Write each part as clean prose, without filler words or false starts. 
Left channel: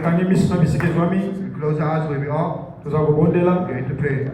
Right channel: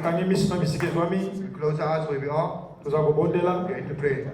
close our eyes where we are. Nous avons bondé là. We're going to pray.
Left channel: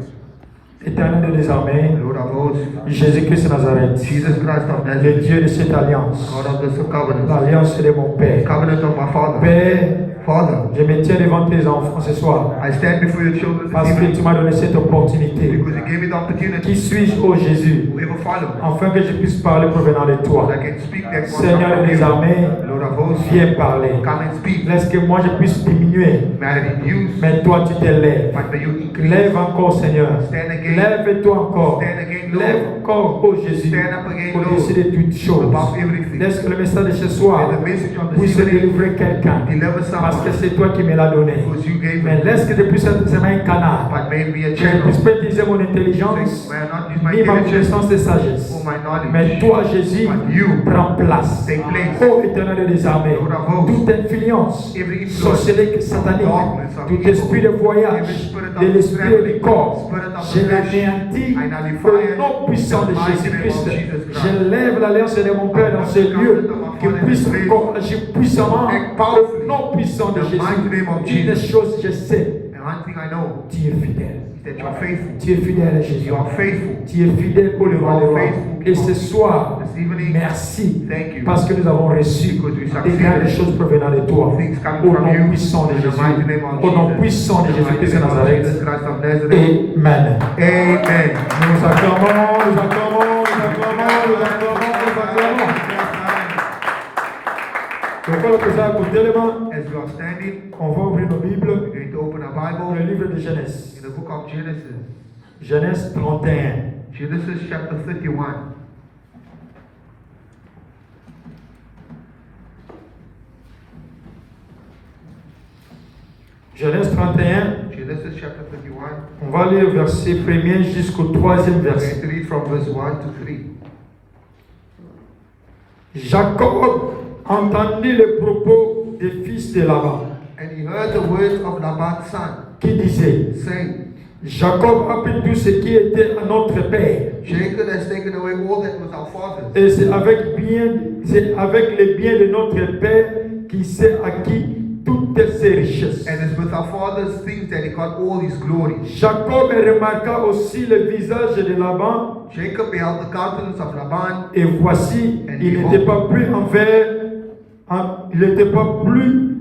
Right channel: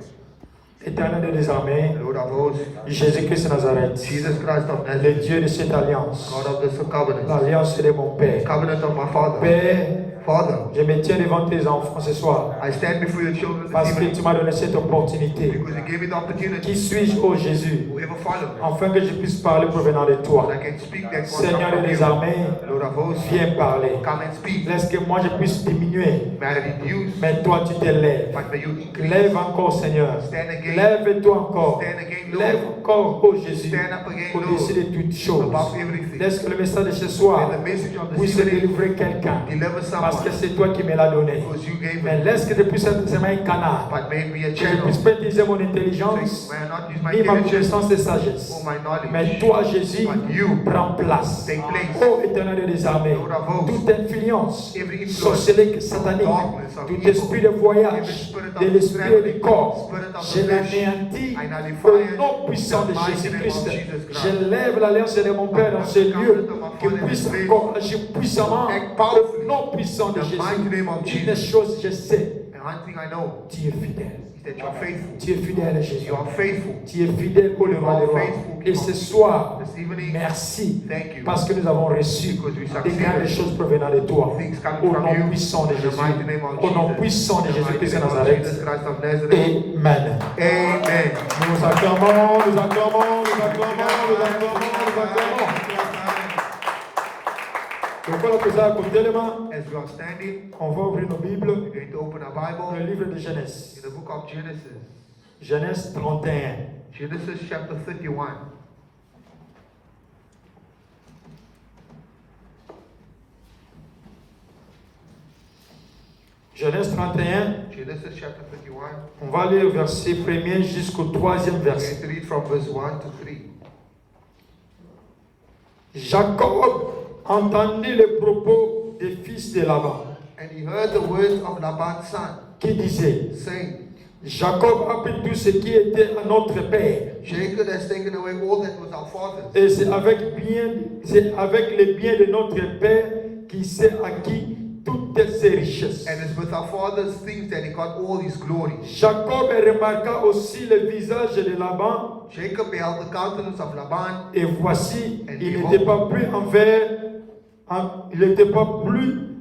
Éternel des armées, Lord of hosts, Jésus-Christ de Nazareth, Jesus Christ of le Nazareth, Dieu de cette alliance, God of this covenant, l'alliance de mon Père. covenant of my Father. Père, Father, je me tiens devant tes enfants ce soir, I stand before your children parce this que evening tu m'as donné cette opportunité. because you gave me the opportunity. Qui suis-je, ô Jésus, Whoever follow, afin que je puisse parler provenant de toi? I can speak that Seigneur des armées, Lord of hosts, viens parler. come and speak. Laisse que moi je puisse diminuer, May I reduce, mais toi tu t'élèves. but may you increase. Lève encore, Seigneur. Stand again. Lève-toi encore. Stand again, Lord. Lève encore, ô Jésus, Stand up again, au-dessus de toutes choses. above everything. Laisse que le message de ce soir May the message of this puisse evening délivrer quelqu'un. deliver Parce que someone c'est toi qui me l'as donné. because you gave Mais it. laisse que je puisse être seulement un canard. But may it be a Que je ne channel. puisse pas utiliser mon intelligence, May I not use my ni ma intelligence connaissance et sagesse. or my knowledge. Mais toi, Jésus, But you prends place. take place. Ô Éternel des armées, Lord of hosts, toute influence every influence, sorcellerie satanique, darkness of tout evil, esprit de voyage, every spirit of de l'esprit et du corps, spirit of je the flesh, l'anéantis I nullify au it nom puissant de in the mighty Jésus-Christ. name of Jesus Christ. Je lève l'alliance de mon Père dans ce lieu, qu'il puisse encore agir puissamment au nom puissant de In the mighty name of Jésus. Une Jesus. chose je sais, And one thing I know tu es fidèle. is that you are faithful. Tu es fidèle, Jésus. You are faithful. Tu es fidèle au roi des rois. Et ce soir, This evening, merci thank you. parce que nous avons reçu Because we des succeeded. grandes choses provenant de toi. Things coming Au from nom you. puissant de In the Jésus. mighty name of Au nom Jesus. puissant de In the mighty Jésus-Christ de name of Nazareth. Jesus Christ of Nazareth. Amen. Amen. Nous acclamons, nous acclamons, nous acclamons, nous acclamons, nous acclamons. Donc, on va poser à côté les mains. As we are standing, On va ouvrir nos Bibles we're going to open our dans Bible le livre de Genèse. in the book of Genesis. Genèse 31. Genesis chapter 31. Genèse 31. Genesis chapter 31. On va lire verset 1er jusqu'au 3e We're verset. going to read from verse 1 to 3. Jacob entendit les propos des fils de Laban, And he heard the words of Laban's son, qui disaient, saying, Jacob a pris tout ce qui était à notre père, Jacob has taken away all that was our father's, et c'est avec les biens de notre père qu'il s'est acquis toutes ses richesses. and it's with our father's things that he got all his glory. Jacob remarqua aussi le visage de Laban, Jacob beheld the countenance of Laban, et voici, il n'était pas plus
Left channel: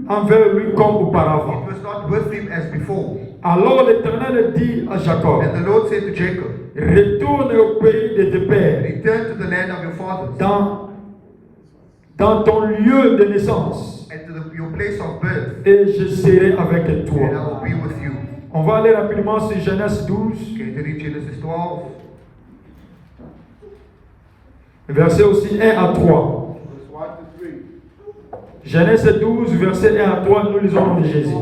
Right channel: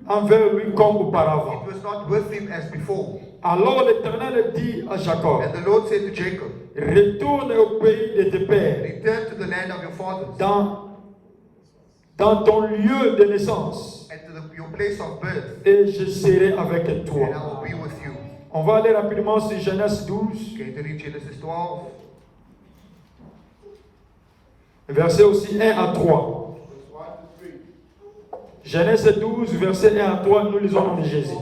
envers lui comme auparavant. it was not with him as before. Alors l'Éternel dit à Jacob, And the Lord said to Jacob, retourne au pays de tes pères, return to the land of your fathers, dans ton lieu de naissance, and to your place of birth, et je serai avec and I toi. will be with you. On va aller rapidement sur Genèse 12, Okay, to read Genesis 12, verset aussi 1 à 3. verse 1 to 3. Genèse 12, verset 1 à 3, nous lisons au nom de Jésus.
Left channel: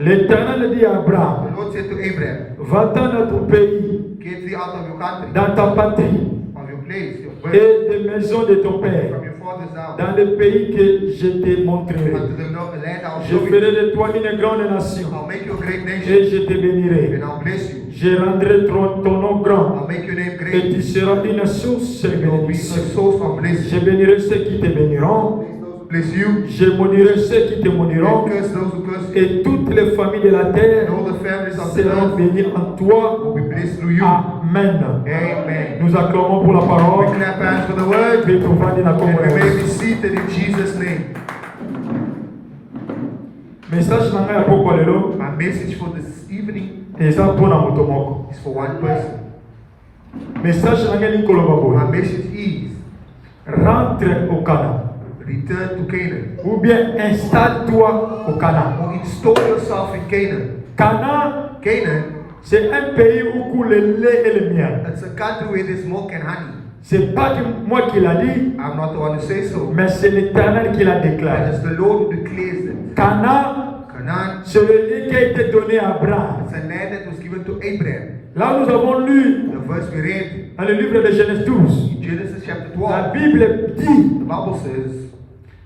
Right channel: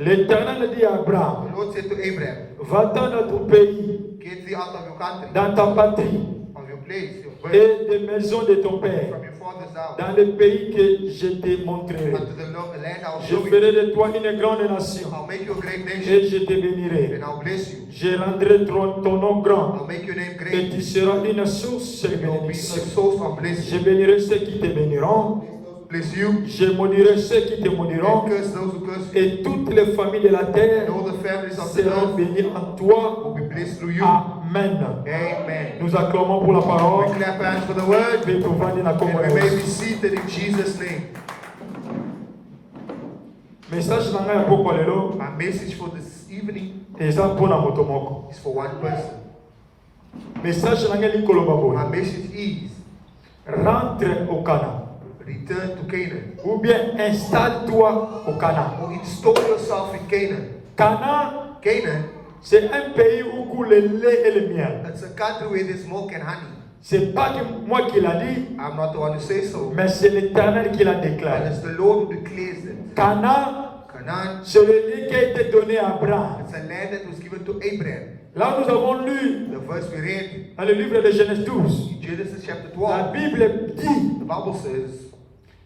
L'Éternel dit à Abraham, The Lord said to Abraham, va-t'en dans ton pays, get thee out of your country, dans ta patrie, of your place, your birth, et des maisons de ton père, from your father's house, dans le pays que je te montrerai. unto the land I will Je show you. ferai de toi une grande nation, I'll make you a great nation, et je te bénirai. and I'll bless you. Je rendrai ton nom grand, I'll make your name et great. tu seras une source de You'll be a bénédiction. source of blessing. Je bénirai ceux qui te béniront, Bless you, je maudirai ceux qui te maudiront, and curse those who curse you. et toutes les familles de la terre And all the families of the seront earth bénies en toi. will be blessed through you. Amen. Amen. Nous acclamons pour la parole. We clap hands for the word, Et pour vendre la and we may communion. be seated in Jesus' name. Message nanga ya poko lelo, My message for this evening eza pona moto moko. is for one person. Message nanga ni koloba My boye. message is Rentre au Canaan. return to Canaan, Ou bien installe-toi au Canaan. or install yourself in Canaan. Canaan, Canaan, c'est un pays où coule le lait et le miel. it's a country where there's milk and honey. C'est pas que moi qui l'a dit, I'm not the one to say so, mais c'est l'Éternel qui l'a but déclaré. it's the Lord who declares it. Canaan, Canaan, c'est le lieu qui a été donné à Abraham. it's a land that was given to Abraham. Là, nous avons lu The verse we read dans le livre de Genèse 12. in Genesis chapter La 12, Bible dit, the Bible says,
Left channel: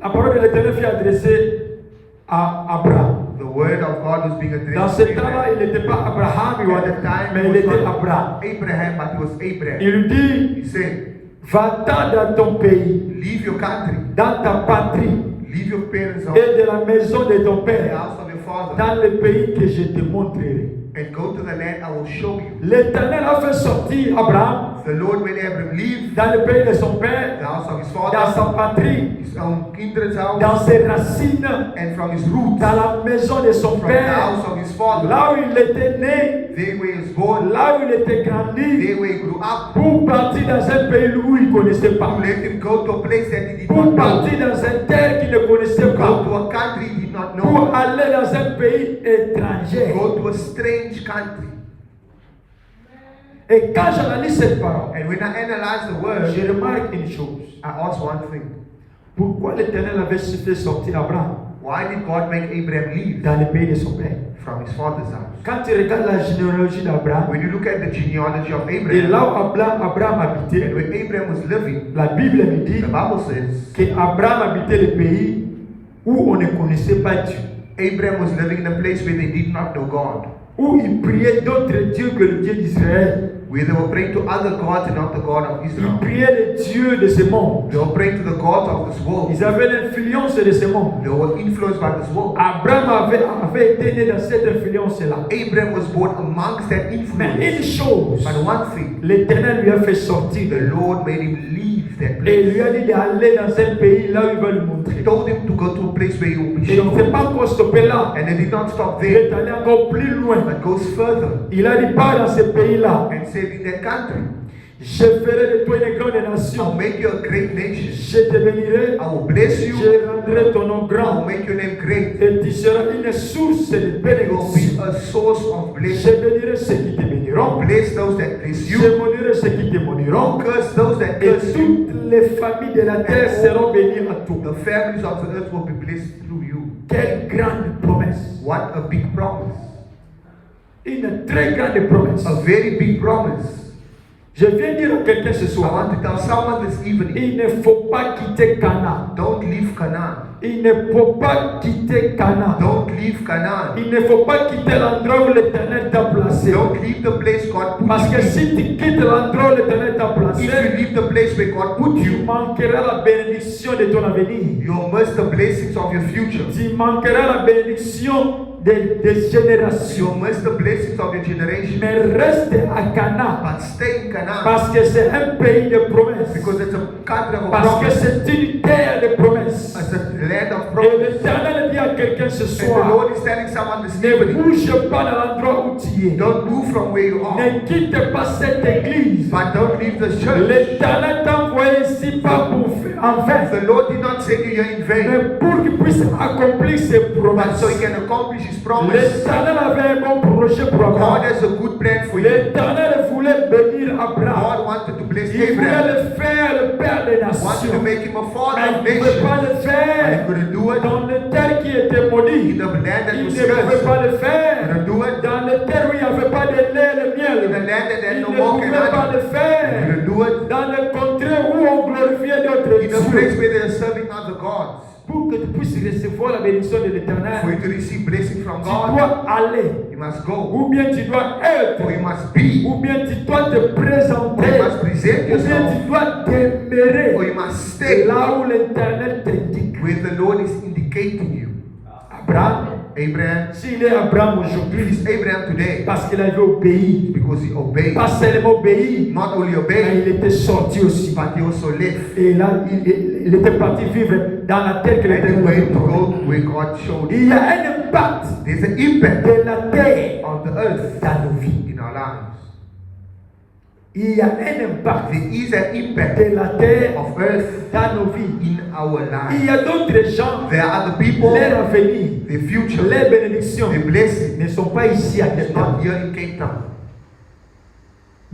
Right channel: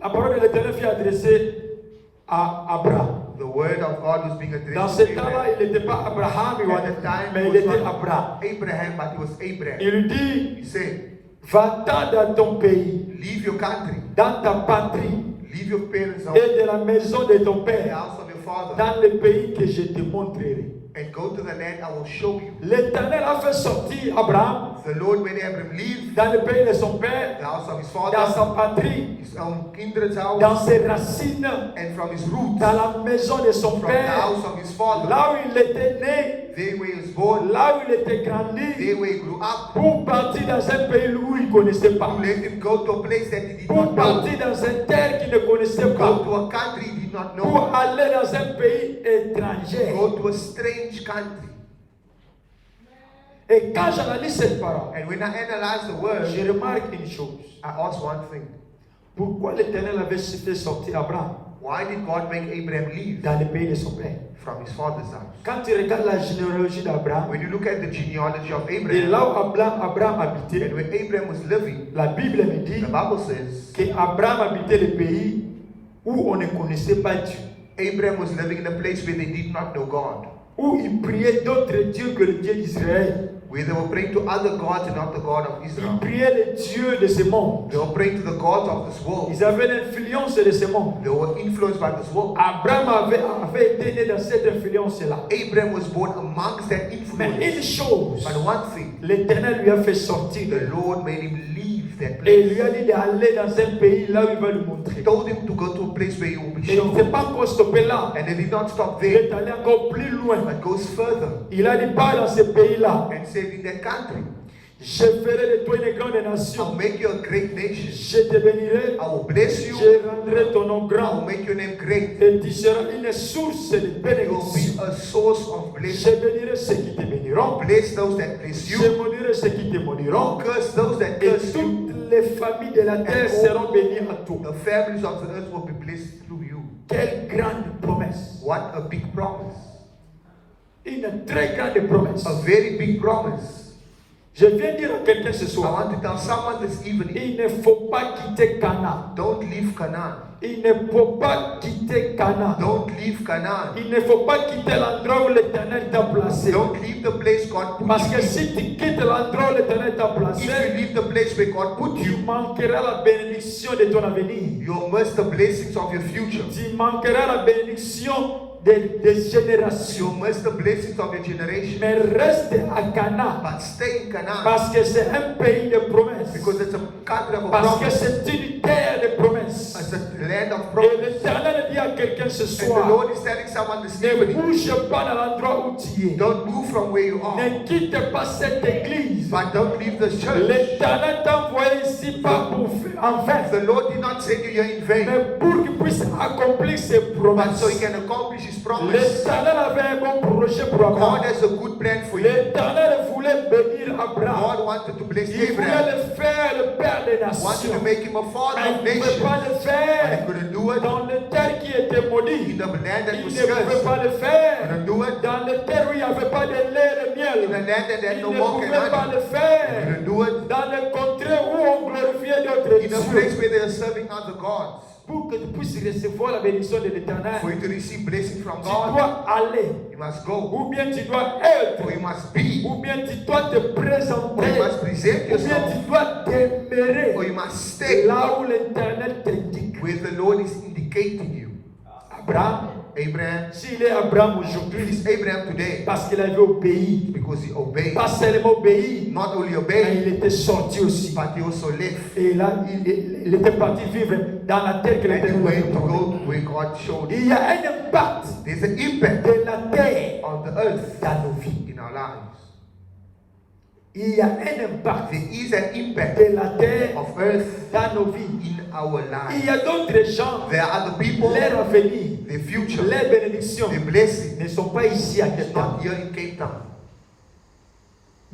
la parole de l'Éternel fut adressée à Abraham. the word of God was being Dans addressed ce to temps-là, Abraham. il n'était pas Abraham, At the time, mais it il was était not Abraham. Abraham, but it was Abraham. Il lui dit, He said, va-t'en dans ton pays, leave your country, dans ta patrie, Leave your parents' house, et de la maison de ton the père house of your father, dans le pays que je te montrerai. and go to the land I will show you. L'Éternel a fait sortir Abraham The Lord made Abraham leave dans le pays de son père, the house of his dans father, sa patrie, his own kindred's house, dans ses racines, and from his roots, dans la maison de son from the père, house of his father, là où il était né, there where he was born, là où il était grandi, there where he grew up, pour partir dans un pays où il ne connaissait to pas, let him go to a place that he did pour not know, partir dans une terre qu'il ne connaissait go pas, to a country he did not know, pour aller dans un pays étranger. go to a strange country. Et quand j'analyse cette parole, And when I analyze the word, je remarque une chose. I ask one thing. Pourquoi l'Éternel avait fait sortir Abraham Why did God make Abraham leave dans le pays de son père? from his father's house? Quand tu regardes la généalogie d'Abraham, When you look at the genealogy of et Abraham, là où Abraham and habitait, where Abraham was living, la Bible me dit the Bible says qu'Abraham habitait le pays où on ne connaissait pas Dieu, Abraham was living in a place where they did not know God, où il priait d'autres dieux que le Dieu d'Israël. where they were praying to other gods and not the God of Ils Israel. priaient le Dieu de ce monde. They were praying to the gods of this world. Ils avaient l'influence de ce monde. They were influenced by this world. Abraham avait été né dans cette influence-là. Abraham was born amongst that Mais une influence. chose, But one thing, l'Éternel lui a fait sortir de the là. Lord made him leave that Et il place. lui a dit d'aller dans un pays là où il va lui He montrer. told him to go to a place where he will be Et il ne s'est shown. pas encore stoppé là. And they did not stop Il there, est allé encore plus loin. but goes further Il a dit, pars dans ce pays-là. and said, in that country, Je ferai de toi une grande I'll nation. make you a great nation. Je te bénirai. I will bless you. Je rendrai ton nom I will grand. make your name great. Et tu seras une source de You will be bénédiction. a source of Je blessing. bénirai ceux qui te I'll béniront. bless those that bless Je you. maudirai ceux qui te I'll maudiront. curse those that Et curse you. toutes les familles de la terre seront bénies à toi. The families of the earth will be blessed through you. Quelle grande promesse. What a big promise. Une très grande promesse. A very big promise. Je viens dire à quelqu'un ce I soir, want to tell someone this evening, il ne faut pas quitter Canaan. don't leave Canaan. Il ne faut pas quitter Canaan. Don't leave Canaan. Il ne faut pas quitter l'endroit où l'Éternel t'a placé. Don't leave the place God put Parce you que in. si tu quittes l'endroit où l'Éternel t'a placé, If you leave the place where God put tu you, manqueras la bénédiction de ton avenir. you'll miss the blessings of your future. Tu manqueras la bénédiction des générations. You'll miss the blessings of your generation. Mais reste à Canaan. But stay in Canaan Parce que c'est un pays de promesses. because it's a country of Parce que promise. c'est une terre de promesses. It's a land of Et promise. l'Éternel dit à quelqu'un ce And the soir, Lord is telling someone this ne evening, bouge pas dans l'endroit où tu es. don't move from where you are, Ne quitte pas cette église. but don't leave the church. L'Éternel t'a envoyé ici pas pour faire en vain, The Lord did not send you here in vain, mais pour qu'il puisse accomplir ses but promesses. so He can accomplish His promise. L'Éternel avait un bon projet pour God Abraham. has a good plan for you. L'Éternel voulait bénir Abraham. God wanted to bless Il voulait Abraham. le faire le père des Wanted to nations. make him a father Mais of il ne pouvait nations. pas le But faire he couldn't do it dans le terre qui était maudit. in the land that Il was ne pouvait cursed. pas le He faire couldn't do it dans le terre où il n'y avait pas de lait et de in the miel. land that had Il no ne milk pouvait pas and le honey. He faire couldn't do it dans le contrée où on glorifiait d'autres in a place dieux. where they are serving other gods. Pour que tu puisses recevoir la bénédiction de For l'Éternel, you to receive blessing from tu God, dois aller, you must go. ou bien tu dois être, Or you must be. ou bien tu dois te Or you présenter, must present ou bien yourself. tu dois demeurer Or you must stay là où l'Éternel t'indique. where the Lord is indicating you. Abraham, Abraham, s'il est Abraham it aujourd'hui, is Abraham today parce qu'il avait obéi, because he obeyed. pas seulement obéi, Not only mais obeyed, il était sorti aussi. but he also left. Et là, il était parti vivre dans la terre que And he l'Éternel avait went to promis. go where God showed him. Il y a un impact There's an impact de la terre on the earth dans nos vies. in our lives. Il y a un impact There is an impact de la terre of earth dans nos vies. in our Il y lives. a d'autres gens, There are other people, leur avenir, their future, les bénédictions their blessing ne sont pas ici à is Cape Town. not here in Cape Town.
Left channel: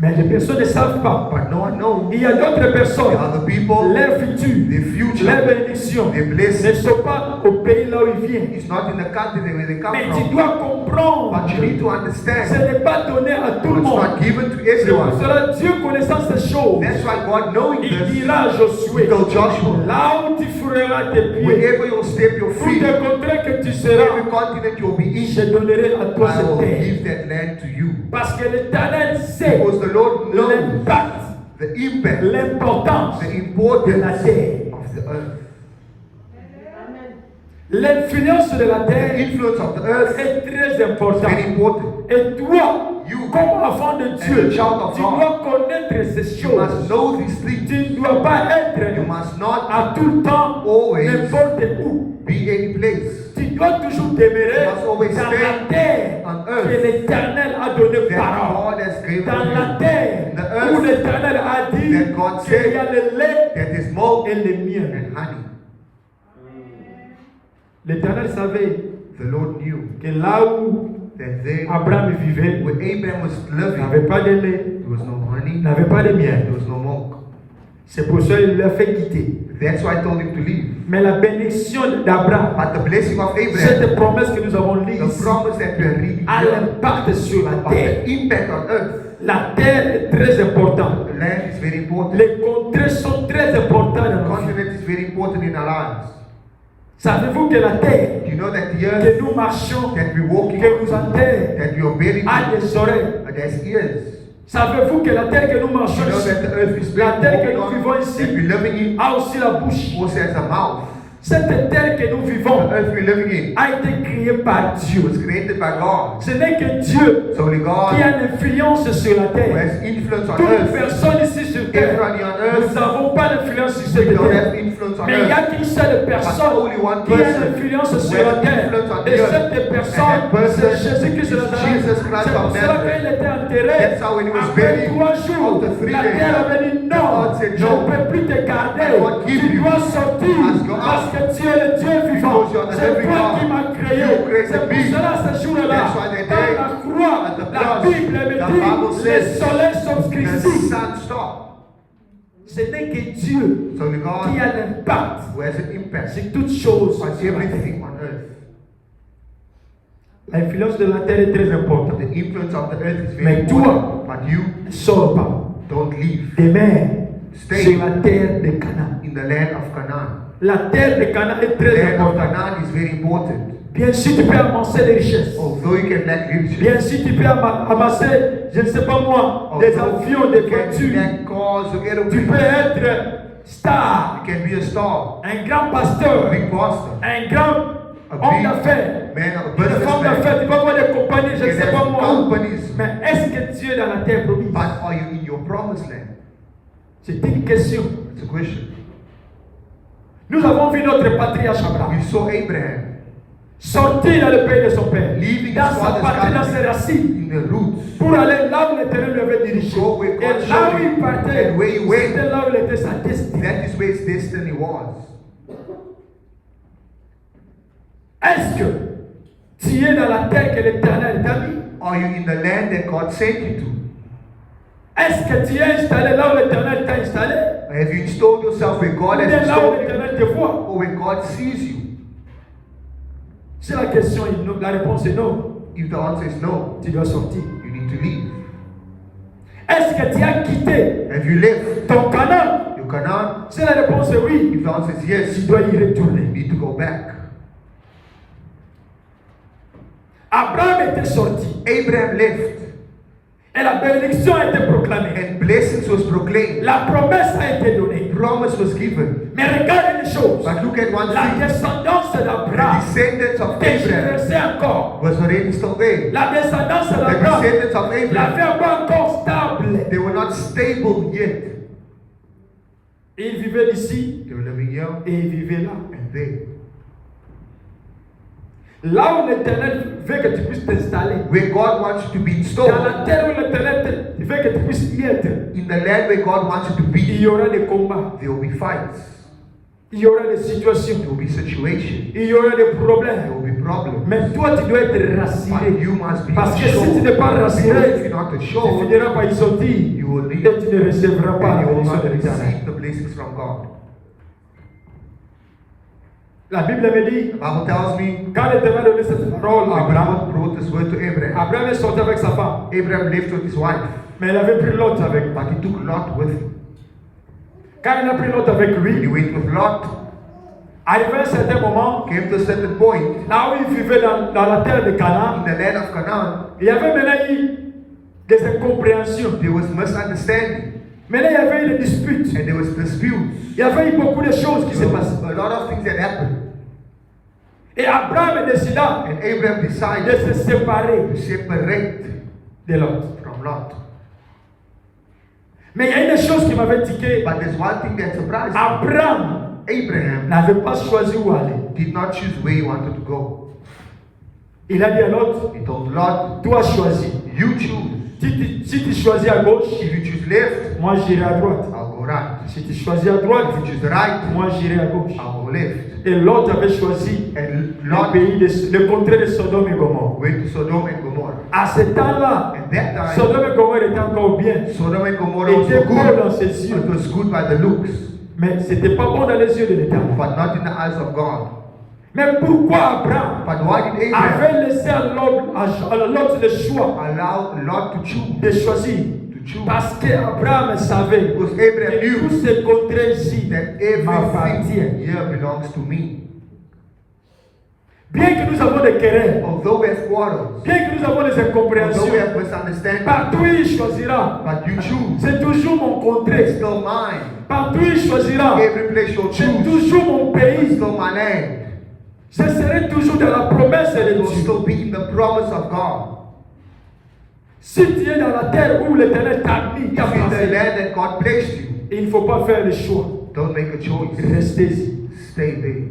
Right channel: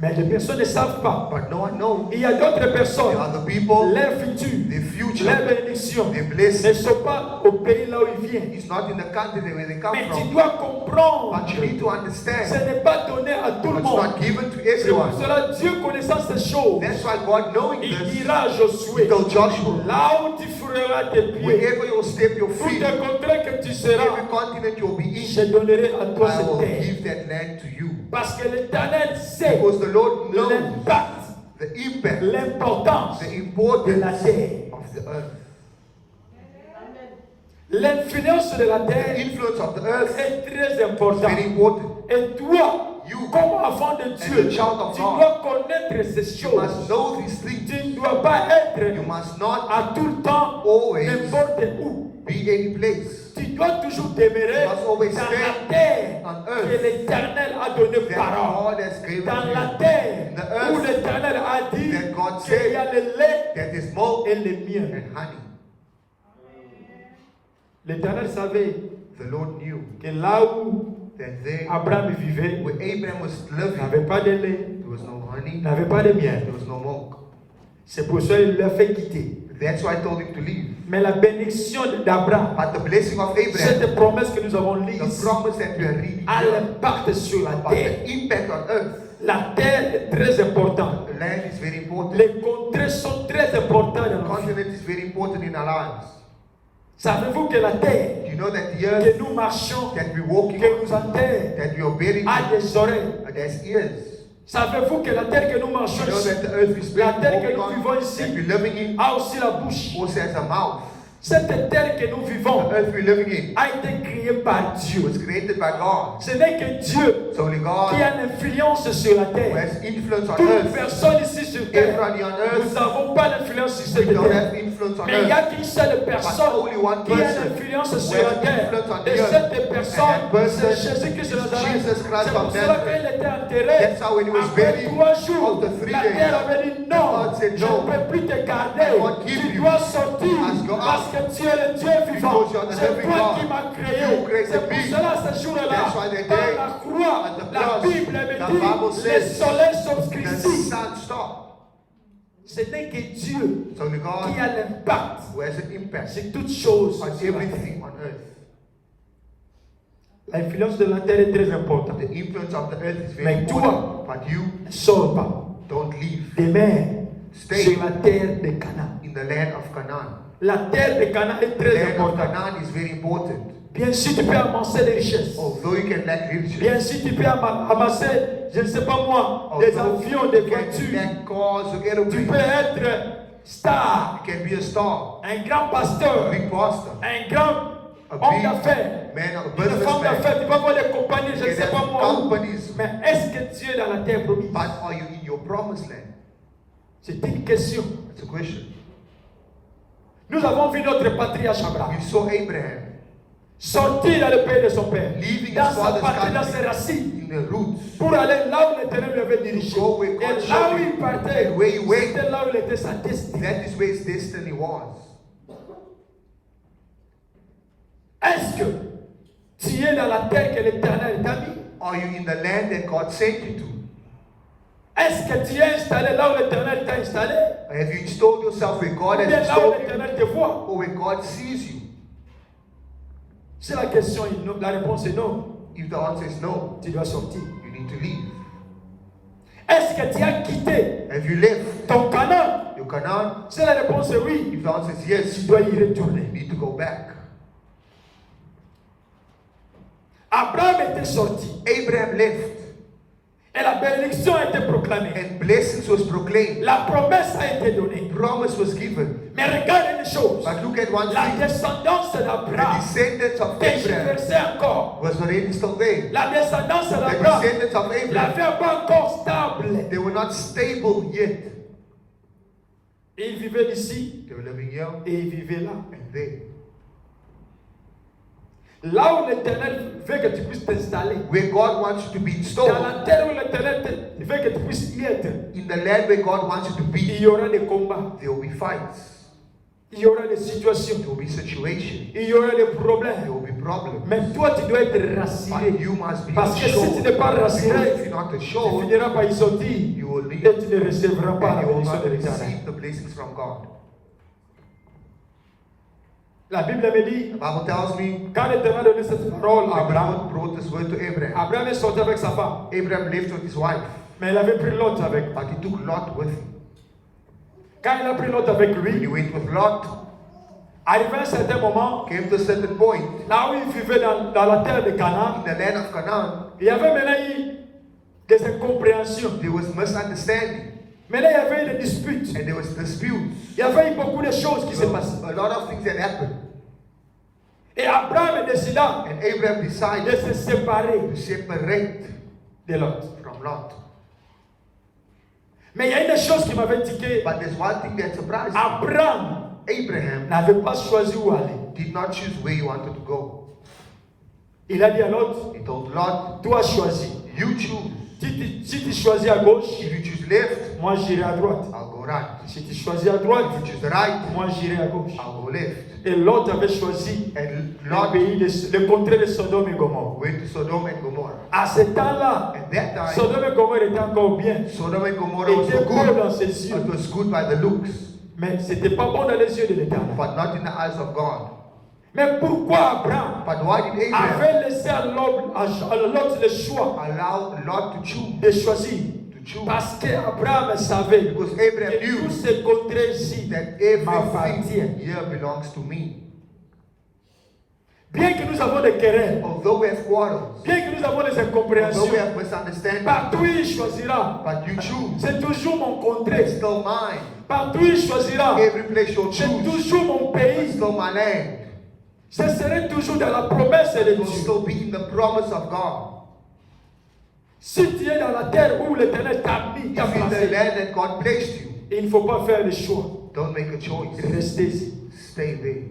Mais les personnes ne savent pas. But no one knows. Il y a d'autres There personnes, are other people, leur futur, their future, les bénédictions their ne blessing sont pas au pays là où ils viennent. is not in the country where they come Mais tu from. dois comprendre, But you need to ce understand, n'est pas donné à tout le it's monde. not given to C'est pour everyone. cela Dieu connaissant ces choses. That's why God, knowing Il this, dira à Josué, He told Joshua, là où tu feras tes pieds, wherever you step your tout feet, le contraire que tu every seras, continent you'll be in, je donnerai à toi I will cette terre. give that land to you. Parce que l'Éternel sait Because the Lord knows l'impact, the impact, l'importance the de la importance terre. of the earth. L'influence de la The terre influence of the earth est très is importante. very important. Et toi, You, comme enfant de Dieu, a child of tu God, dois connaître ces you choses. must know these things. Tu ne dois pas You être must not à tout le temps always n'importe où. be any place. Tu dois toujours demeurer You must always dans stay la terre on que earth l'Éternel a donné that parole. God has given Dans la you. terre The où earth l'Éternel a dit that God qu'il y a said le lait that is milk et le miel. and honey. L'Éternel savait The Lord knew que là où that there, Abraham vivait, where Abraham was il living, n'avait pas de lait, there was no honey, il n'avait pas de there miel. was no milk. C'est pour ça qu'il l'a fait quitter. That's why I told him to leave. Mais la bénédiction d'Abraham, But the blessing of Abraham, cette promesse que nous avons lue the ici, promise that we are reading a here, l'impact sur la but terre. the impact on earth, La terre est très importante. the land is very important. Les contrées sont très importantes The dans nos vies. continent is very important in our lives. Savez-vous que la terre Do you know that the que earth nous marchons, that we walking que on, nous enterrons, that we are buried a in, des oreilles? there's ears. Savez-vous que la terre que nous You marchons know ici, that the earth is la terre que walking nous vivons on, ici, that we're living in, a aussi la bouche. also has a mouth. Cette terre que nous The vivons earth we're living in a été créée par Dieu. was created by God. Ce n'est que Dieu It's only qui God a l'influence sur la who terre. has influence on Toute earth. personne ici sur terre, Everybody on nous earth, n'avons pas d'influence sur we cette don't terre. have influence on Mais il n'y a earth. qu'une seule personne only one qui a person l'influence who sur has la terre. influence on Et the earth. cette personne, And that person c'est Jésus-Christ de is Nazareth. Jesus Christ C'est pour of cela Nazareth. qu'il était enterré. That's how when he was Après buried, 3 jours, after 3 la days, terre avait dit non, God said, je "No, ne peux plus te garder. I won't give Tu you. dois sortir Must go out. parce que tu es le Dieu vivant. Because you are the C'est living toi God. qui m'as créé. You created C'est pour me. cela ce jour-là, That's why the dans day la croix, at the la cross, Bible me the dit, Bible le says, soleil The s'obscurcit. sun stopped. Ce n'est que Dieu So the God qui a l'impact who has an impact sur toutes choses. on everything on earth. L'influence de la terre est très importante. The influence of the earth is very Mais toi, important. But you ne sors pas. don't leave. Demeure Stay sur la terre de Canaan. in the land of Canaan. La terre de Canaan est The très land of importante. Canaan is very important. Bien sûr, tu peux amasser des richesses. Although you can lack riches, Bien sûr, tu peux amasser, je ne sais pas moi, des avions, des you can voitures. lack cars or Tu peux airplanes. être star, You can be a star, un grand a pasteur, big pastor, un grand a homme big d'affaires, man, a une femme businessman. d'affaires. Tu peux avoir des compagnies, je You ne sais can pas have moi. companies. Mais est-ce que Dieu est dans la terre promise? But are you in your promised land? C'est une question. It's a question. Nous avons vu notre patriarche Abraham We saw Abraham sortir dans le pays de son père, leaving dans his sa father's patrie, dans country ses racines, in the roots. pour aller là où l'Éternel lui avait dirigé. Go where God Et là showed où il him. partait, And where he went. c'était là où il était sa destinée. That is where his destiny was. Est-ce que tu es dans la terre que l'Éternel t'a mis? Are you in the land that God sent you to? Est-ce que tu es installé là où l'Éternel t'a installé? Have you installed yourself where God Ou has bien là où installed you? l'Éternel te voit? Or where God sees you? Si la question est non, la réponse est non, If the answer is no, tu dois sortir. you need to leave. Est-ce que tu as quitté Have you left ton Canaan? your Canaan? Si la réponse est oui, If the answer is yes, tu you dois y retourner. need to go back. Abraham était sorti Abraham left et la bénédiction a été proclamée. and blessings was proclaimed. La promesse a été donnée. Promise was given. Mais regarde une chose. But look at one La thing. descendance The d'Abraham descendants of Abraham tergiversait encore. was already still there. La descendance The d'Abraham descendants of n'avait Abraham, pas encore stable. they were not stable yet. Il vivait ici They were living here et il vivait là. and there. Là où l'Éternel veut que tu puisses t'installer. Where God wants you to be Dans installed, la terre où l'Éternel veut que tu puisses y être. in the land where God wants you to Il be, y aura des combats. there will be fights, Il y aura des situations. there will be situations, Il y aura des there problèmes. will be problems. Mais toi, tu dois être But rassuré. you must be Parce que si assured. tu n'es pas Because rassuré, if you're not tu assured, finiras par y sortir you will et leave tu ne recevras pas la and you will bénédiction not de l'Éternel. receive the blessings from God. La Bible me dit, The Bible tells me quand l'Éternel a donné cette parole à that Abraham, God brought this word to Abraham. Abraham est sorti avec sa femme, Abraham left with his wife, mais il avait pris Lot avec lui. but he took Lot with him. Quand il a pris Lot avec When he lui, went with Lot, arrivé à un certain moment, came to a certain point là où il vivait dans la terre de in Canaan, the land of Canaan, il y avait maintenant eu des incompréhensions. there was misunderstanding Maintenant, il y avait eu des disputes. and there was disputes. Il y avait eu beaucoup de choses qui se There was passaient. a lot of things that happened. Et Abraham décida And Abraham de decided se séparer to separate de Lot. from Lot. Mais il y a une chose qui m'avait tiqué. But there's one thing that surprised me. Abraham Abraham n'avait pas choisi où aller. did not choose where he wanted to go. Il a dit à Lot, He told Lot, toi choisis. you choose. Si tu choisis à gauche, If you choose left, moi j'irai à droite. I'll go right. Si tu choisis à droite, If you choose the right, moi j'irai à gauche. I'll go left. Et Lot avait choisi And le Lot pays, le contrée de Sodome et Gomorrhe. went to Sodom and Gomorrah. À ce temps-là, At that time, Sodome et Gomorrhe étaient encore bien. Sodom and Gomorrah was Était so beau good. dans ses yeux. It was good by the looks, Mais c'était pas bon dans les yeux de l'Éternel. but not in the eyes of God. Mais pourquoi Abraham But why did Abraham avait laissé à Lot le choix allow Lot to choose? de choisir? To choose. Parce qu'Abraham savait Because Abraham que knew tous ces contrées ici that m'appartiennent. everything here belongs to me. Bien que nous avons des querelles, Although we have quarrels, bien que nous avons des although incompréhensions, we have misunderstanding, partout il choisira. but you choose. C'est toujours mon It's contrée. still mine. Partout il choisira. Every place you'll C'est choose, toujours mon it's pays. still my land. Je serai toujours dans la promesse de It will Dieu. still be in the promise of God. Si tu es dans la terre où l'Éternel t'a mis, If t'a in the placé, land that God placed you, il ne faut pas faire le choix. don't make a choice. Restez-y. Stay there.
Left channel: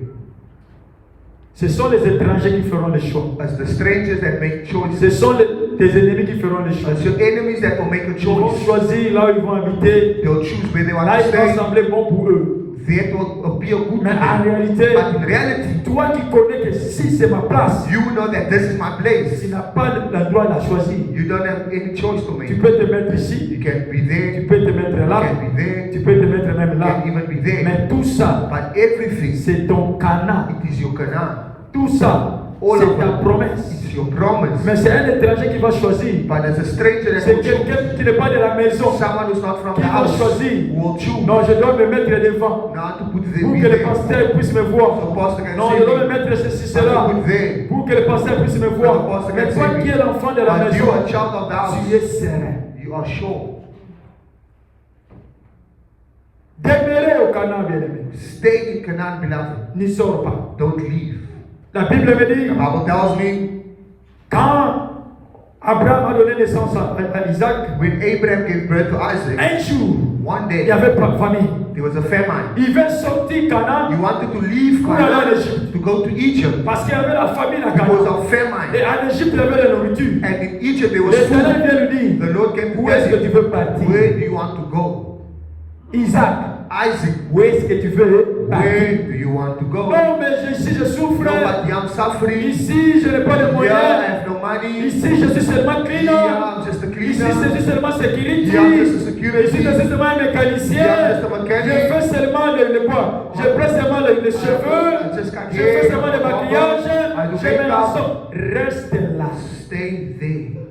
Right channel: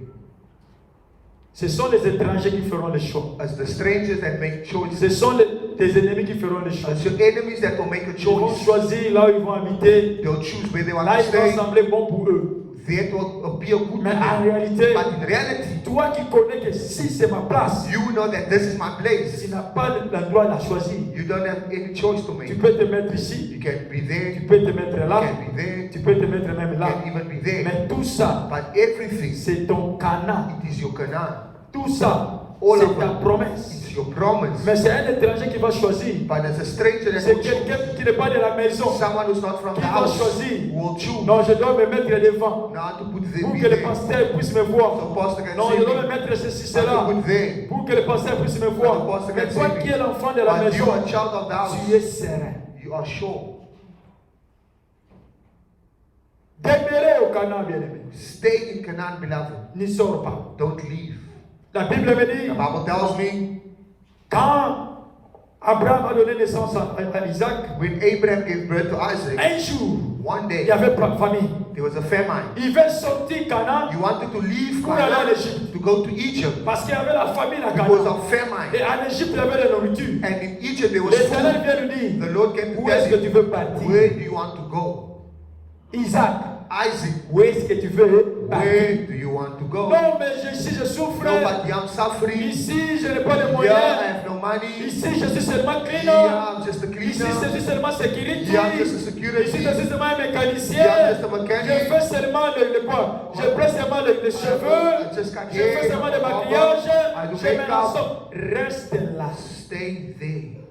Ce sont les étrangers qui feront le choix. As the strangers that make Ce choices, sont tes ennemis qui feront le choix. as your enemies that will make a Ils vont choice, choisir là où ils vont habiter. they'll choose where they want Là, to il va stay. sembler bon pour eux. That will appear good to Mais en them. réalité, But in reality, toi qui connais que si c'est ma place, you know that this is my place. tu n'as pas le droit de la choisir. You don't have any choice to Tu make. peux te mettre ici, You can be tu there, peux te mettre you là, can be there, tu peux te mettre même you là. can even be there. Mais tout ça, But everything, c'est ton Canaan. it is your Canaan. Tout ça, All of c'est ta it, promesse. it's your promise. Mais c'est un étranger qui va choisir. But as a stranger that C'est will choose, quelqu'un qui n'est pas de la maison someone who's not from qui the va house choisir. will choose Non, je dois me mettre devant not to put pour the que le there. pasteur puisse me voir. So pastor can Non, see je dois me me. mettre ceci, Not cela. to put there. Pour que le pasteur puisse me voir. Mais toi qui es l'enfant de la But you maison, are a child of the tu house. es serein. You are sure. Demeurez au Canaan, bien-aimé. Stay in Canaan, beloved. N'y sors pas. Don't leave. La Bible me dit, The Bible tells me quand Abraham a donné naissance à Isaac, when Abraham gave birth to Isaac, un jour, one il n'y day avait pas de famille. there was a famine. Il veut sortir Canaan He wanted to leave pour aller en Canaan Égypte. to go to Egypt Parce qu'il y avait la famine à because Canaan. of Et famine. en Égypte, il y avait la nourriture. And in Egypt there was L'Éternel food. vient lui dire, The Lord came to où est-ce que tu tell veux him, partir? where do you want to go? Isaac, Isaac, où est-ce que tu veux partir? where do you want to go? Non, mais ici je souffre. No, but I'm suffering. Ici, je n'ai pas de Here I moyens. have no money. Ici, je suis seulement Here cleaner. I'm just a Ici, je cleaner. suis seulement sécurité. Yeah, I'm just a Je security. suis seulement un mécanicien. Yeah, I'm just a mechanic. Je fais seulement le quoi? Je prends seulement les cheveux. I just got Je fais hair, seulement le barber. maquillage. I do Je mets la makeup. sauce. Reste là. Stay there.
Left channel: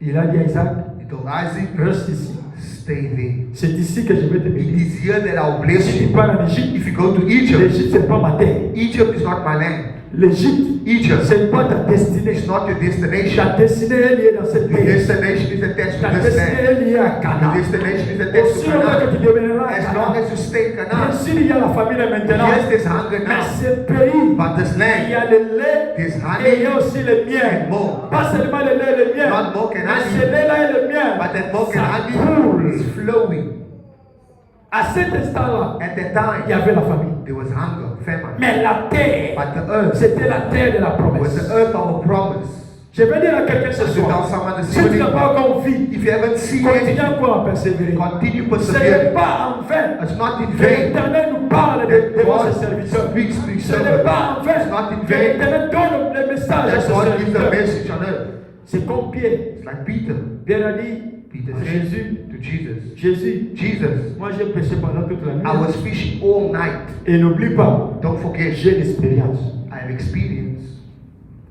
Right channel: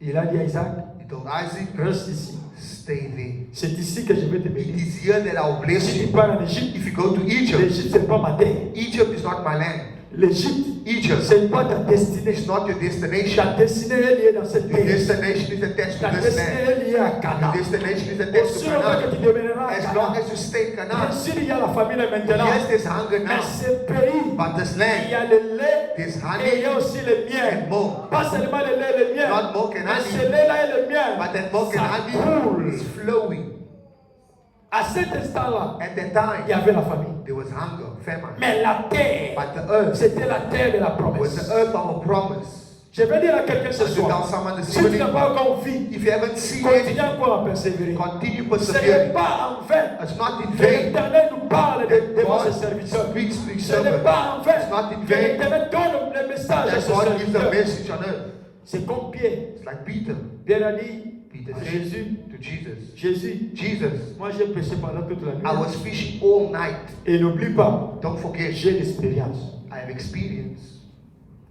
Il a dit à Isaac, He told Isaac, reste ici. stay there. C'est ici que je vais te It bénir. is here that I will bless Si tu you. pars en Égypte, If you go to Egypt, l'Égypte, c'est pas ma terre. Egypt is not my land. L'Égypte, Egypt c'est pas ta destinée. is not your Ta destination. destinée est liée dans cette Your terre. destination is attached Ta to this destinée land. est liée à Your Canaan. destination is attached Aussi to longtemps que tu Canaan. demeureras à As long Canaan. as you stay in Bien Canaan, sûr, il y a la famille maintenant. yes, there's hunger Mais now. ce pays, But this il y land, a le lait there's et il y honey a aussi le miel. and milk. Pas seulement le lait et le miel. Not milk and Mais honey. ce lait-là et le miel, But that milk ça and honey coule. is flowing. À cet instant-là, At that il y time, avait la famille. there was hunger, famine. Mais la terre, But the earth c'était la terre de la was promesse. the earth of a promise. Je vais dire à quelqu'un ce To tell soir, someone this si tu n'as evening, pas encore vu, if you haven't seen continue it, encore à persévérer. continue Ce persevering. n'est pas en vain It's not in que vain. l'Éternel nous parle devant ses serviteurs. speaks to his Ce n'est servant. pas en vain It's not in que vain l'Éternel donne le message à that ses God gives a serviteurs. message on earth. C'est comme Pierre. It's like Peter. Pierre a dit Peter à said Jésus, to Jesus, Jésus, Jesus, moi j'ai péché pendant toute la I nuit. was fishing all night. Et n'oublie pas, Don't forget, j'ai l'expérience. I have experience.